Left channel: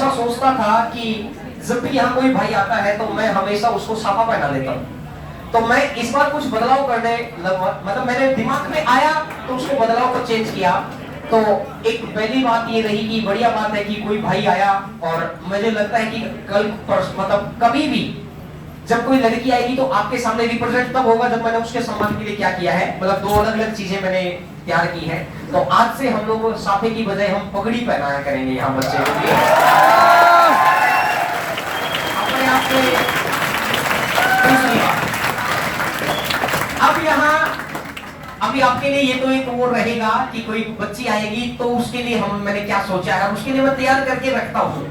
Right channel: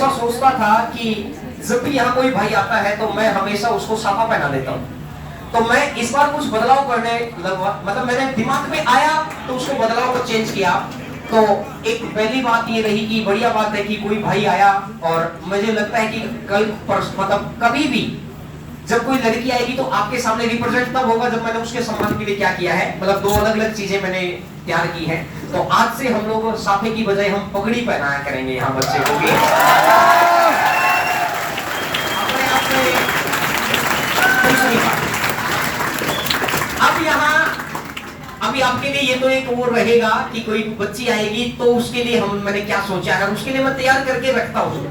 हमेशा सोचता था कि जब भी यहाँ कोई भाई आता है तो मैं हमेशा उसको साफा पहना लेता हूँ। तो मैं इस बार कुछ बदलाव करने लगा, मतलब मेरे दिमाग में आया तो उसको बदलाव को चेंज किया। तो एक पहली बात ये रही कि बढ़िया बात है कि कोई भाई आया, और मुझे लगता है कि कल मतलब कभी भी जब कोई लड़की आएगी तो आपके सामने रिप्रेजेंट तब होगा जब मैंने उसके सम्मान के लिए क्या किया है, मतलब दो अलग अलग चीजें मैंने तैयार की हैं। तो आज से हम लोग साफे की बजाय हम पगड़ी पहनाया करेंगे यहाँ बच्चे को भी। अपने आप में दूसरी बात, अब यहाँ अभी आपके लिए ये तो एक और रहेगा कि कोई बच्ची आएगी तो उसके लिए मैंने क्या सोचा है, उसके लिए मैं तैयार करके रखता हूँ।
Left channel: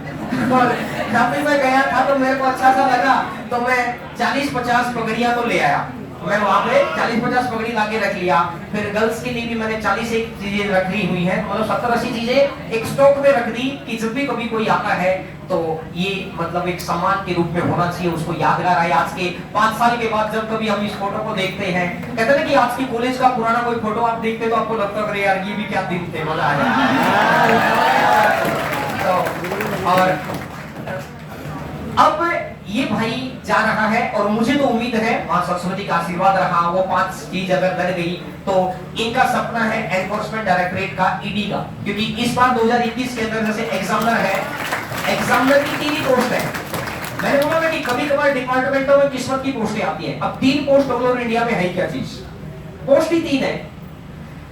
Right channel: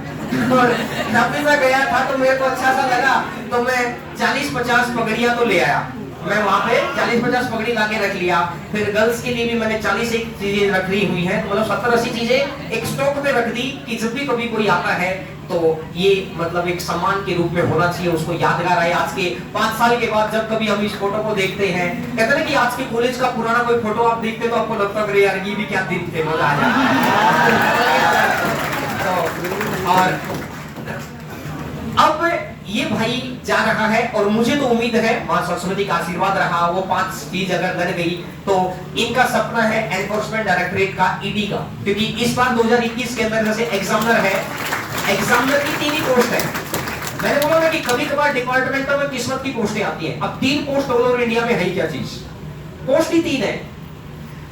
और जब भी मैं गया था तो मेरे को अच्छा सा लगा, तो मैं 40-50 पगड़ियां तो ले आया। मैं वहां पे 40-50 पगड़ी लाके रख लिया। फिर गर्ल्स के लिए भी मैंने 40 एक चीजें रखी हुई हैं, मतलब 70-80 चीजें एक स्टॉक में रख दी कि जब भी कभी कोई आता है तो ये मतलब एक सम्मान के रूप में होना चाहिए, उसको यादगार आए। आज के 5 साल के बाद जब कभी हम इस फोटो को देखते हैं, कहते हैं कि आज के कॉलेज का पुराना कोई फोटो आप देखते तो आपको लगता है यार ये भी क्या दिन थे, मजा आया। तो और अब ये भाई जा रहा है और मुझे तो उम्मीद है मां सरस्वती का आशीर्वाद रहा, वो 5 चीज अगर लग गई तो इनका सपना है एनफोर्समेंट डायरेक्टरेट का, ईडी का, क्योंकि इस बार 2021 के अंदर जैसे एग्जामिनर है, एग्जामिनर की 3 ही पोस्ट है। मैंने बोला ना कि कभी कभार डिपार्टमेंटों में किस्मत की पोस्टें आती हैं। अब 3 पोस्ट ऑल ओवर इंडिया में है क्या चीज, पोस्ट ही 3 है।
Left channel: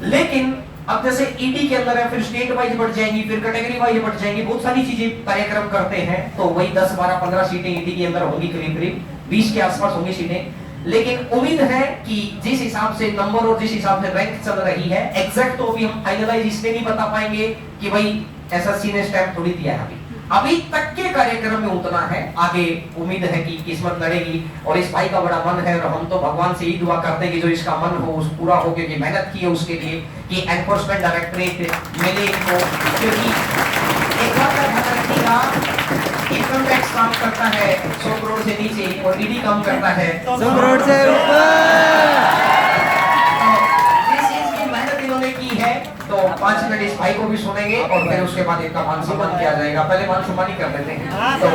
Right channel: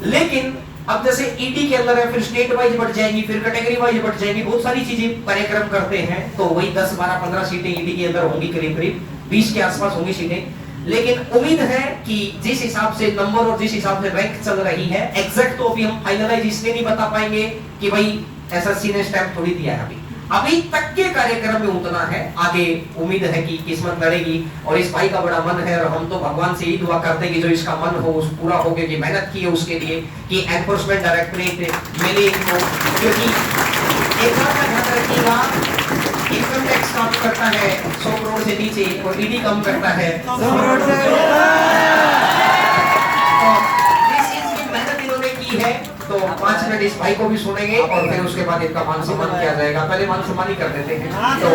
लेकिन अब जैसे ईडी के अंदर है, फिर स्टेट वाइज बढ़ जाएंगी, फिर कैटेगरी वाइज बढ़ जाएंगी, बहुत सारी चीजें कार्यक्रम करते हैं। तो वही 10, 12, 15 सीटें ईडी के अंदर होंगी, करीब करीब 20 के आसपास होंगी सीटें। लेकिन उम्मीद है कि जिस हिसाब से नंबर और जिस हिसाब से रैंक चल रही है, एग्जैक्ट तो अभी हम फाइनलाइज इसलिए नहीं बता पाएंगे कि भाई एसएससी ने स्टैंप थोड़ी दिया है, अभी तक के कार्यक्रम में उतना है। आगे उम्मीद है कि किस्मत लड़ेगी, और इस भाई का बड़ा मन है, और हम तो भगवान से ही दुआ करते हैं कि जो इसका मन हो उस पूरा हो, क्योंकि मेहनत की है उसके लिए कि एनफोर्समेंट डायरेक्टरेट मिले इनको। क्योंकि एक बात का ध्यान रखिएगा, इनकम टैक्स काम करता है 100 करोड़ से नीचे और ईडी कम करता है 100 करोड़ से तो 5 मिनट इस भाई को भी सुनेंगे और फिर उसके बाद इनका मान सम्मान किया जाएगा। पहले मान सम्मान ही कर देते हैं। तो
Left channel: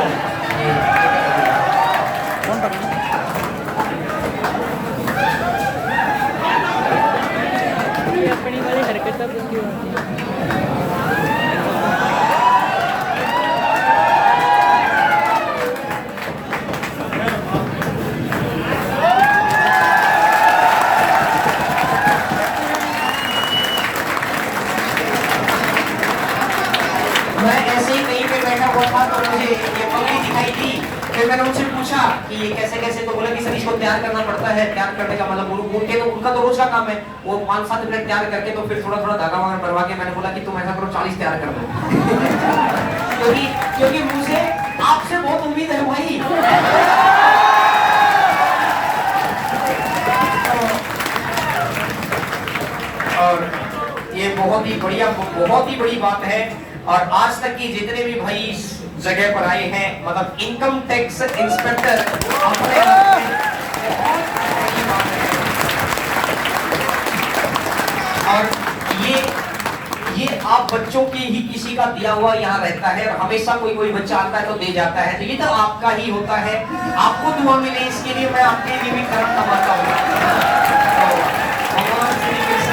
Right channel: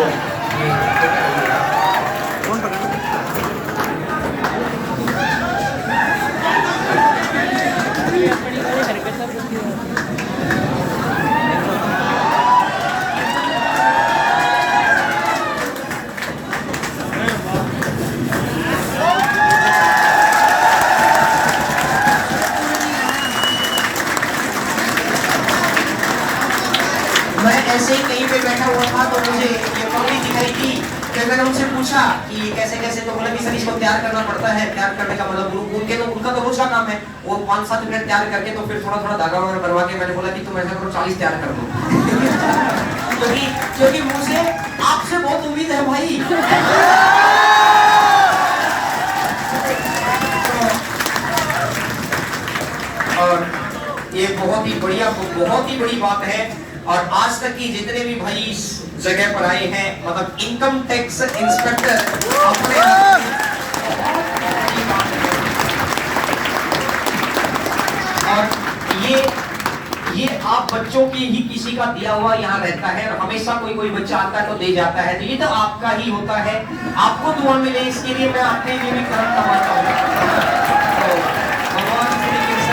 मैं ऐसे ही कहीं पे बैठा हुआ था तो मुझे ये पगड़ी दिखाई थी। फिर मैंने उनसे पूछा कि कैसे कैसे, तो बोले कि सर इसको तैयार करना पड़ता है। तैयार करने का मतलब उनका तो रोज का काम है, वो 5-7 मिनट तैयार करके तो फिर थोड़ा थोड़ा धागा वगैरह बनवा के मैंने बोला कि तुम ऐसा करो 40 तैयार कर दो। क्योंकि मुझे आपसे बहुत उम्मीद है भाई। और ये बहुत ही बड़ी बात है। और आज तक की जितने भी भाई इस जगह पर आए हैं, मतलब इनकम टैक्स इंस्पेक्टर अपने और ये आप बच्चों की ही किसी का दिया हुआ यहाँ रहता है, और हमेशा कोई बच्चा आता है तो दे जाता है, तो ये तो आपका ही होता है। आपको दुआ मिले इसके लिए मैं अपने लिए भी करम कमाता हूँ। भगवान श्री कृष्ण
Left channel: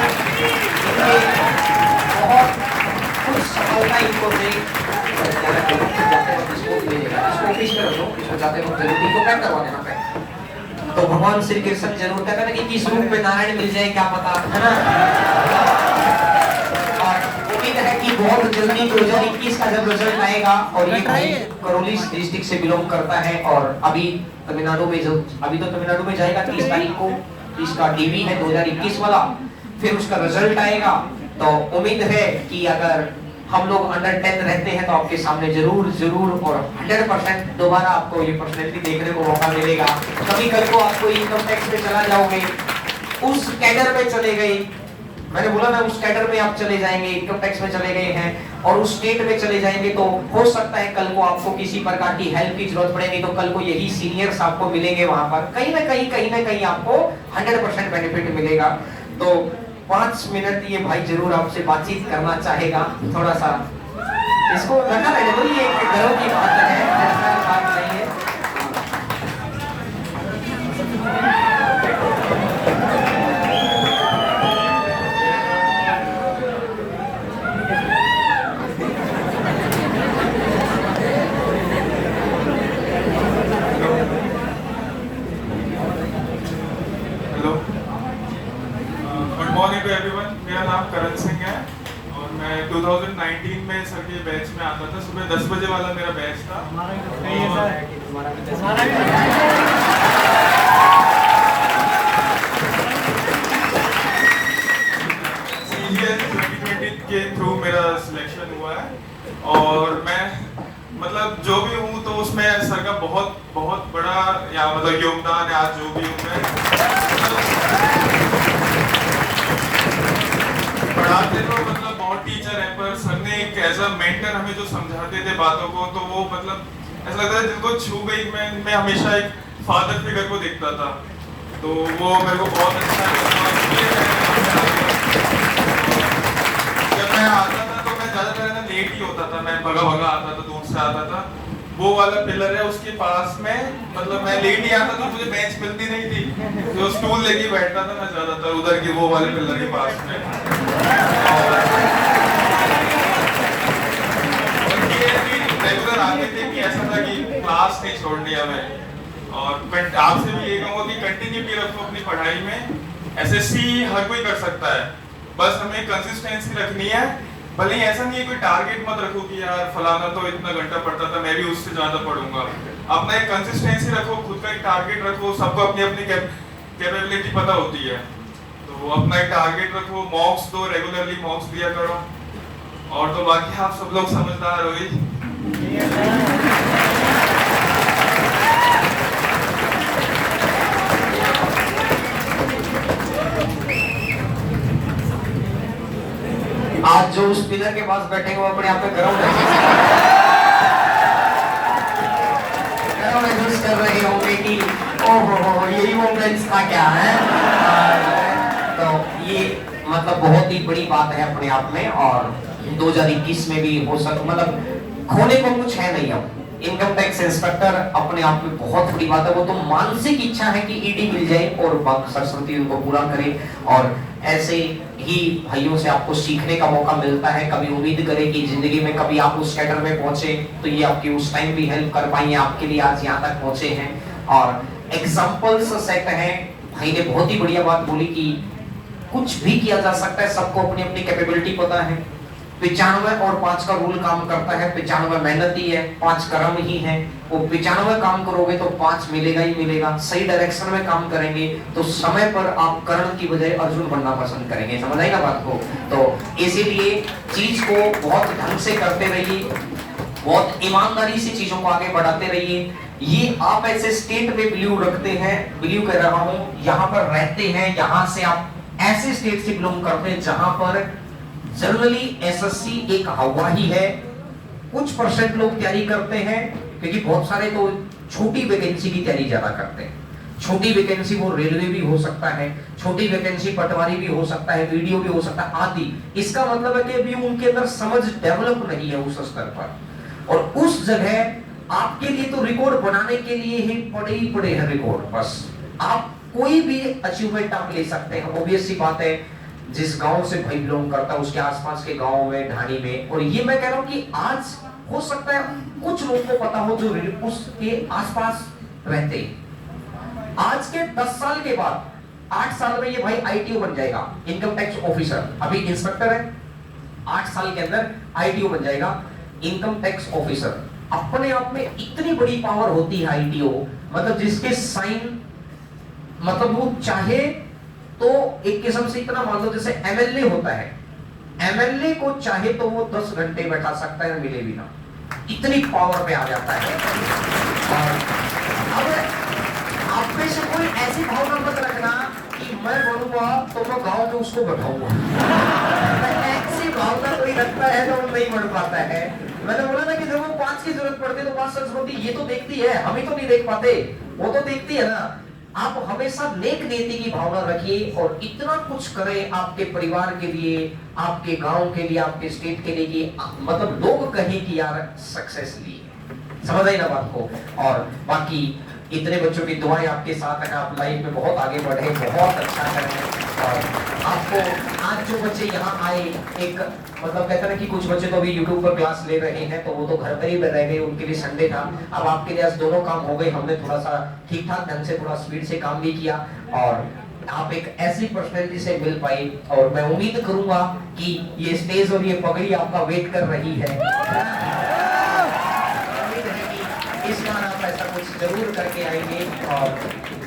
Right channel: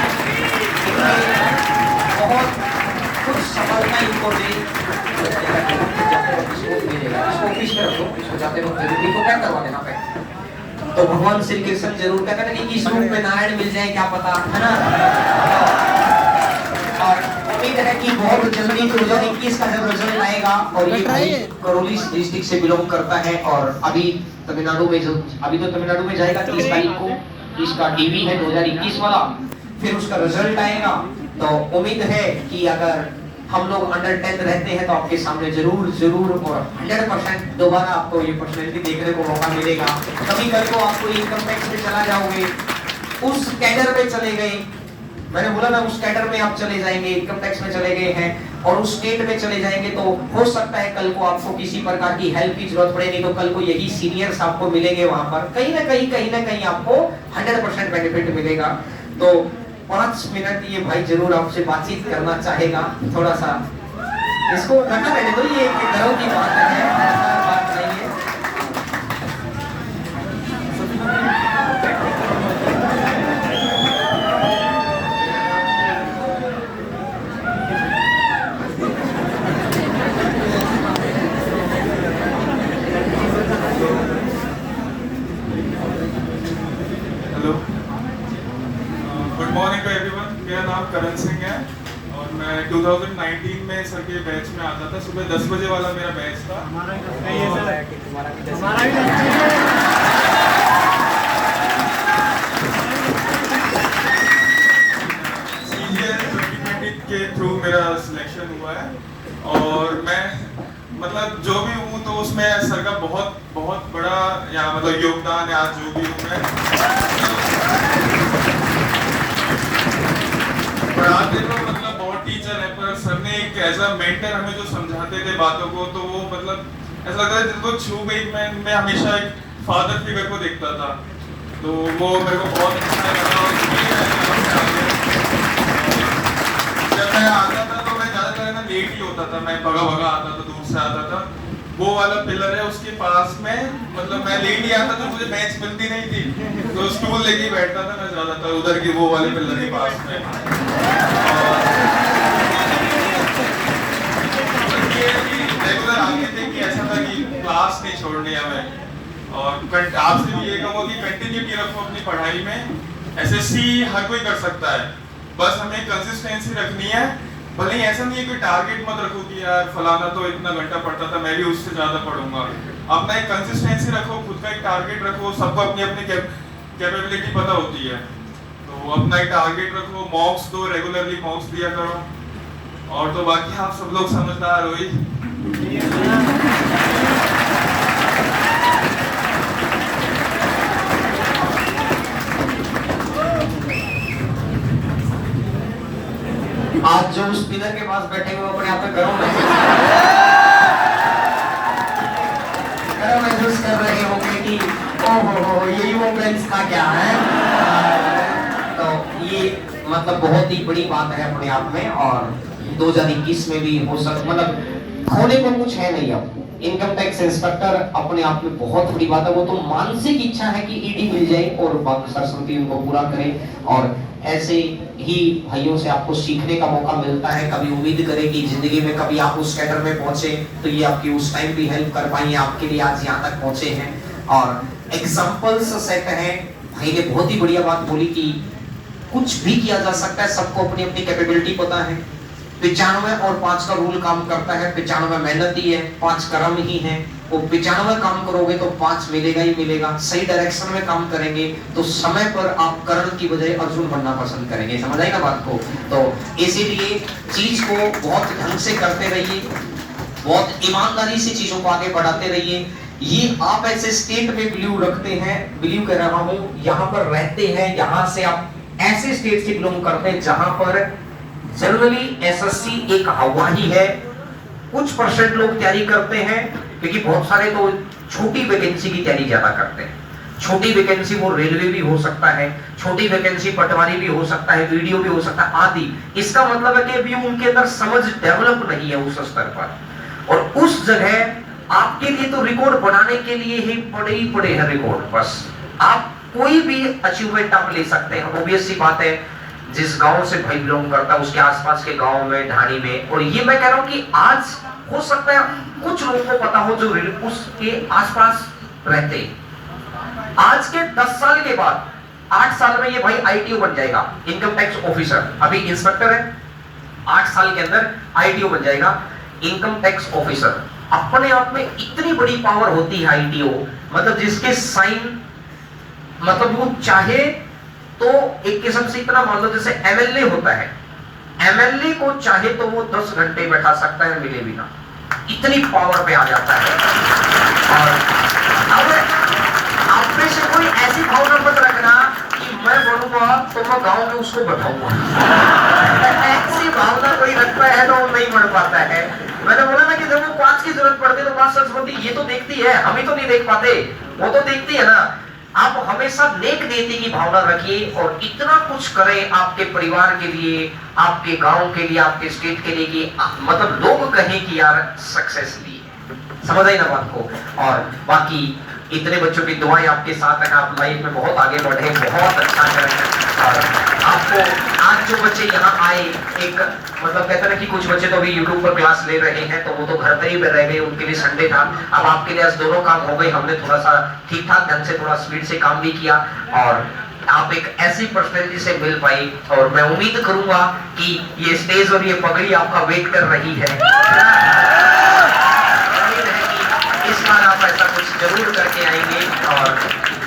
बहुत कुछ सफलता इनको दे। तो भगवान श्री कृष्ण जरूर कहते हैं कि किस रूप में नारायण मिल जाए क्या पता, है ना। और उम्मीद है कि बहुत जल्दी 2021 का जब रिजल्ट आएगा, और ये भाई करौली डिस्ट्रिक्ट से बिलोंग करता है, और अभी तमिलनाडु में तमिलनाडु में जाएगा 30 तारीख को, इसका डीवी है 2021 वाला, फिर उसका रिजल्ट आएगा। तो उम्मीद है कि अगर हम लोग अंडर 10 रहते हैं तो आपके सामने जरूर और 100% दोबारा आपको ये पर्सनैलिटी देखने को मौका मिलेगा। कभी कल को आपको इनकम टैक्स में चला जाओगे, उस कैडर में चले गए, मैंने बोला ना उस कैडर में आप चले जाएंगे, इनकम टैक्स में चले गए हैं और उस स्टेट में चले जाएंगे, तो हो सकता है कल को आपको किसी प्रकार की हेल्प की जरूरत पड़े, नहीं तो कल को यही सीनियर्स आपको मिलेंगे वहां पर, कहीं ना कहीं आपको 100% बेनिफिट मिलेगा। तो 5 मिनट ये भाई जरूर आपसे बातचीत करना चाहेगा, थोड़ा सा इसको रखा रहने दो, ये घरों की बजे वाला मेरा बैच था। के थ्रू मेरा सिलेक्शन हुआ है और मैं मतलब जो भी हूँ तो उसमें सर का बहुत बहुत बड़ा यहाँ मतलब योगदान है। आज जो भी हूँ मैं पढ़ाते तो मतलब बहुत टीचर है, पर सर ने एक एज अ मेंटर हमें जो समझाते थे बातों को, तो वो मतलब ऐसा लगता है जिनको छू गई। मैं हमेशा एक फादर फिगर को देखता था, तो वो मेरे को बहुत अच्छा लगा। जब मैं आता था तो मैं ज्यादातर ना लेट ही होता था, मैं भगा भगा आता था, दूर से आता था। वो वाला पिलर है उसके पास में, मतलब मैं लेट ही आता था, मुझे बेंच मिलती नहीं थी तो स्टूल लेके बैठता था मैं ज्यादातर उधर की वो वाले पिलर के पास में। और ये रेगुलर आगे थे कि ऐसा था कि क्लास नहीं छोड़नी हमें। और आपसे भी ये कहूँगा कि कंटिन्यूटी रखो अपनी पढ़ाई में। एसएससी हर कोई कर सकता है, बस हमें कंसिस्टेंसी रखनी है। भले ही ऐसा नहीं है कोई टारगेट मत रखो कि यार फलाना तो इतना घंटा पढ़ता था, मैं भी उससे ज्यादा पढ़ूंगा। अपना एक कंसिस्टेंसी रखो, खुद का एक टारगेट रखो। सबको अपनी अपनी कैपेबिलिटी पता होती है, तो अपना एक टारगेट रखो। मॉक्स दो, रेगुलरली मॉक्स दिया करो। और तो बाकी आप सब लोग समझदार हो ही। आज जो उस पिलर के पास बैठे हुए अपने आप में गर्म महसूस कर रहे होंगे कि ओहो यही वो बेंच था क्या है। तो ये मतलब बहुत ही बड़ी बात है अपने आप में। और 2021 में भी हो सकता, मतलब खोने को कुछ है नहीं। अब इनकम टैक्स इंस्पेक्टर अपने आप में बहुत बड़ी बात है। वो तो मानसिक इच्छा है कि ईडी मिल जाए और सरस्वती उनको पूरा करे। और ऐसे ही भाइयों से आपको सीखने का मौका मिलता है। कभी उम्मीद करें कि जिंदगी में कभी आप उस कैडर में पहुंचे तो ये आपकी उस टाइम भी हेल्प कर पाएंगे, आपके लिए आज यहाँ तक पहुंचे हैं। और एग्जाम्पल्स सेट हैं। भाई ने बहुत ही बढ़िया बात बोली कि कुछ भी किया जा सकता है, सबको अपनी अपनी कैपेबिलिटी पता है। 95 और 5 का रूल काम करता है। 95 मेहनत ही है, 5 कर्म ही है। वो 95 काम करोगे तो 5 मिलेगा ही मिलेगा। सही डायरेक्शन में काम करेंगे तो समय पर आप कर्ण की बजाय अर्जुन बनना पसंद करेंगे। समझ आई ना बात को? तो इसीलिए चीज को बहुत ढंग से करते रहिए, बहुत ईमानदारी से चीजों को आगे बढ़ाते रहिए। ये आप ऐसे स्टेट में बिलीव रखते हैं, बिलीव कर रहा हूं, यहाँ पर रहते हैं, यहाँ से आप ऐसे स्टेट से बिलोंग करते हैं जहां पर जनरली एसएससी एक हवा ही है। कुछ परसेंट लोग तैयारी करते हैं, क्योंकि बहुत सारे तो छोटी वैकेंसी की तैयारी ज्यादा करते हैं। छोटी वैकेंसी वो रेलवे भी हो सकता है, छोटी वैकेंसी पटवारी भी हो सकता है, वीडियो भी हो सकता है आदि। इसका मतलब है कि अभी उनके अंदर समझ डेवलप नहीं है उस स्तर पर। और उस जगह आपके लिए तो रिकॉर्ड बनाने के लिए ही पड़े हैं रिकॉर्ड। बस आप कोई भी अचीवमेंट आप ले सकते हैं। ऑब्वियस सी बात है, जिस गांव से भाई बिलोंग करता है उसके आसपास के गांव में, ढाणी में। और ये मैं कह रहा हूं कि आज हो सकता है कुछ लोगों को पता हो जो उसके आसपास रहते हैं। आज के 10 साल के बाद 8 साल में ये भाई आईटीओ बन जाएगा, इनकम टैक्स ऑफिसर। अभी इंस्पेक्टर है, 8 साल के अंदर आईटीओ बन जाएगा, इनकम टैक्स ऑफिसर। अपने आप में इतनी बड़ी पावर होती है आईटीओ, मतलब जिसके साइन, मतलब वो चाहे तो एक किस्म से इतना मान लो जैसे एमएलए होता है, एमएलए को चाहे तो वो 10 घंटे बैठा सकता है मिले बिना, इतनी पावर पे आ जाता है। और अब आप में से कोई ऐसी भावना मत रखना कि मैं बनूंगा तो मैं गांव में उसको बैठाऊंगा। ऐसी भावना कोई रखता है तो वो नहीं बन पाता है। मैंने बोला ना कि जब वो 5 की जरूरत पड़ती है तो 5 सरस्वती ये तो देखती है, हम ही तो नहीं देख पाते, वो तो देखती है ना। आप हमेशा नेक नीति की भावना रखिए और इतना कुछ करें आपके परिवार के लिए, आपके गांव के लिए, आपके स्टेट के लिए कि मतलब लोग कहें कि यार सक्सेस ली है। समझ आई ना बात को? और बाकी इतने बच्चों की दुआएं आपके साथ है, आप लाइफ में बहुत आगे बढ़े, बहुत अच्छा करें। और आपको आज जो बच्चे यहाँ आए, एक मतलब कहते हैं ना कि कुछ बच्चे तो अभी यूट्यूब पर क्लास ले रहे हैं, तो वो तो घर पर ही रह गए, उनके लिए संडे था। अब आपके लिए आज दोनों काम हो गए। हमने थोड़ा सा ठीक ठाक ढंग से थोड़ा स्पीड से काम भी किया और आप एक ऐसी पर्सनैलिटी से मिल पाई। और मैं उम्मीद करूंगा कि ये स्टेज और ये पगड़ी आपका वेट कर रही है। जरूर करके आएंगे। और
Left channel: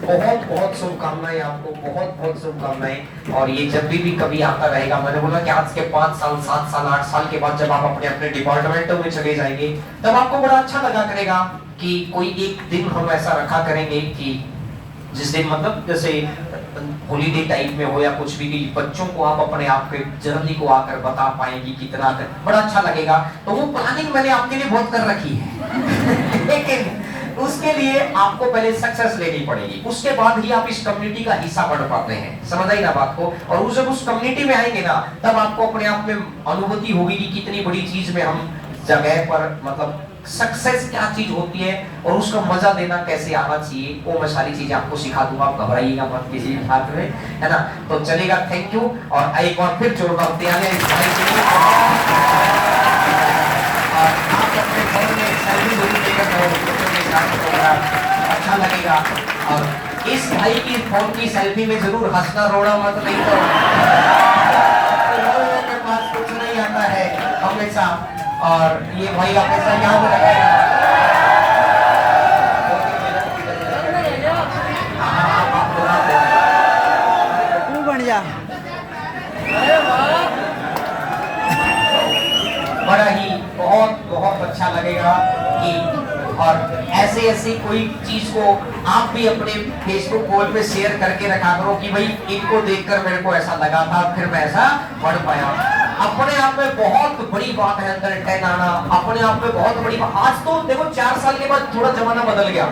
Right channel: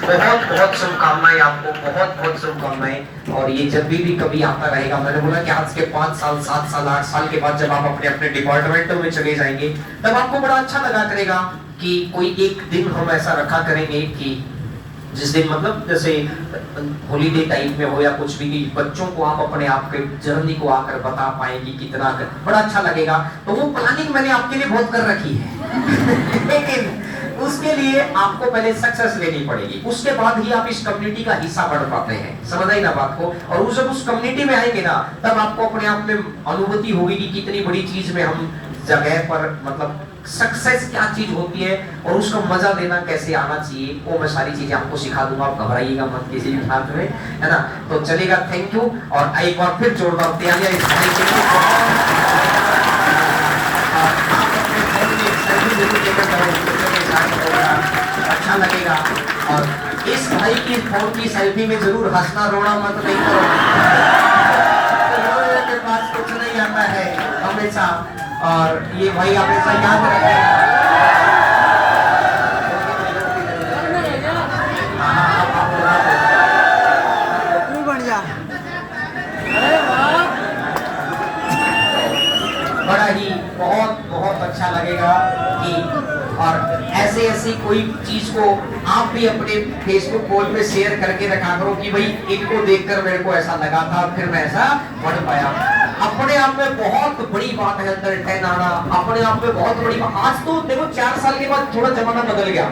बहुत बहुत शुभकामनाएं आपको, बहुत बहुत शुभकामनाएं। और ये जब भी कभी आता रहेगा, मैंने बोला कि आज के 5 साल 7 साल 8 साल के बाद जब आप अपने अपने डिपार्टमेंटों में चले जाएंगे, तब आपको बड़ा अच्छा लगा करेगा कि कोई एक दिन हम ऐसा रखा करेंगे कि जिस दिन मतलब जैसे हॉलीडे टाइम में हो या कुछ भी, बच्चों को आप अपने आप के जर्नी को आकर बता पाएंगे कितना बड़ा अच्छा लगेगा। तो वो प्लानिंग मैंने आपके लिए बहुत कर रखी है लेकिन उसके लिए आपको पहले सक्सेस लेनी पड़ेगी, उसके बाद ही आप इस कम्युनिटी का हिस्सा बन पाते हैं। समझ आई ना बात को? और जब उस कम्युनिटी में आएंगे ना, तब आपको अपने आप में अनुभूति होगी कि कितनी बड़ी चीज में हम जगह पर, मतलब सक्सेस क्या चीज होती है और उसका मजा देना कैसे आना चाहिए, वो मैं सारी चीजें आपको सिखा दूंगा। आप घबराइएगा मत किसी भी हाथ में, है ना? तो चलेगा। Thank you. और एक बार फिर जोरदार तालियां इस भाई के लिए। और आप अपने फोन में एक सेल्फी जरूर लेकर जाओ, अच्छा लगेगा। और इस भाई की फोन की सेल्फी में जरूर हंसना रोना मत नहीं करो, के पास कुछ नहीं आता है हमेशा। और ये भाई हमेशा याद रखेगा। तू बन जा। बड़ा ही बहुत बहुत अच्छा लगेगा कि और ऐसे ऐसी कोई चीज को आप भी अपने फेसबुक पोल में शेयर करके रखा करो कि भाई इनको देखकर मेरे को ऐसा लगा था, फिर मैं ऐसा बढ़ पाया। अपने आप में बहुत बड़ी बात है अंदर 10 आना, अपने आप में बहुत बड़ी बात। आज तो देखो 4 साल के बाद थोड़ा जमाना बदल गया।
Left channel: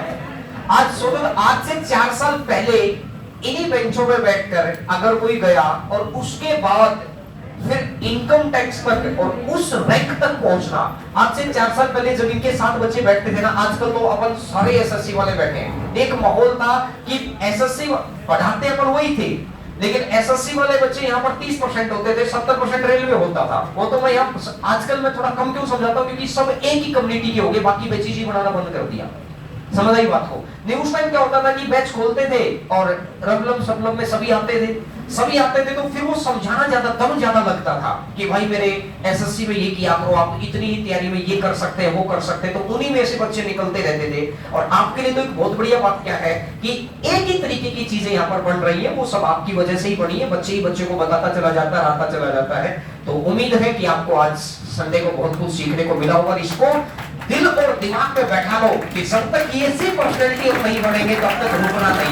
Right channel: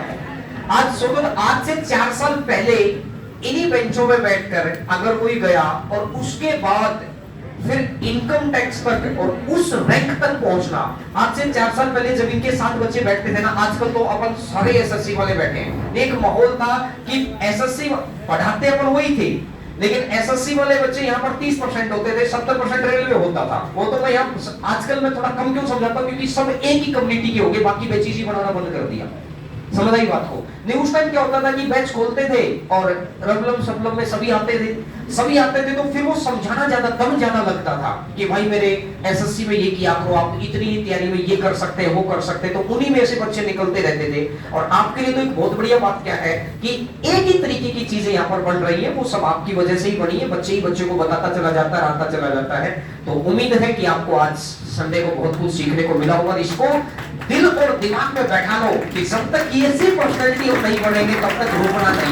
आज सोचो, आज से 4 साल पहले इन्हीं बेंचों में बैठकर अगर कोई गया और उसके बाद फिर इनकम टैक्स तक और उस रैंक तक पहुंचना, आज से 4 साल पहले जब इनके 7 बच्चे बैठते थे ना, आजकल तो अपन सारे एसएससी वाले बैठे हैं। एक माहौल था कि एसएससी पढ़ाते अपन वही थे, लेकिन एसएससी वाले बच्चे यहाँ पर 30% होते थे, 70% रेलवे होता था। वो तो मैं यहाँ आजकल मैं थोड़ा कम क्यों समझाता हूँ, क्योंकि सब एक ही कम्युनिटी के हो गए, बाकी बैचेज ही बनाना बंद कर दिया। समझ आई बात को? नहीं, उस टाइम क्या होता था कि बैच खोलते थे और रंगलम सबलम में सभी आते थे, तो फिर वो समझाना ज्यादा, दम ज्यादा लगता था कि भाई मेरे एसएससी में ये किया करो, आप इतनी ही तैयारी में ये कर सकते हैं, वो कर सकते हैं। तो उन्हीं में से बच्चे निकलते रहते थे। और आपके लिए तो एक बहुत बढ़िया बात क्या है कि एक ही तरीके की चीजें यहाँ पर बन रही है, वो सब आपकी वजह से ही बनी है। बच्चे ही बच्चे को बताता चला जाता है, आता चला जाता है। तो उम्मीद है कि आपको आज संडे को बहुत कुछ सीखने को मिला होगा। इसको दिल और दिमाग में बैठा लो कि जब तक ये ऐसी पर्सनैलिटी हम नहीं बनेंगे तब तक रुकना नहीं।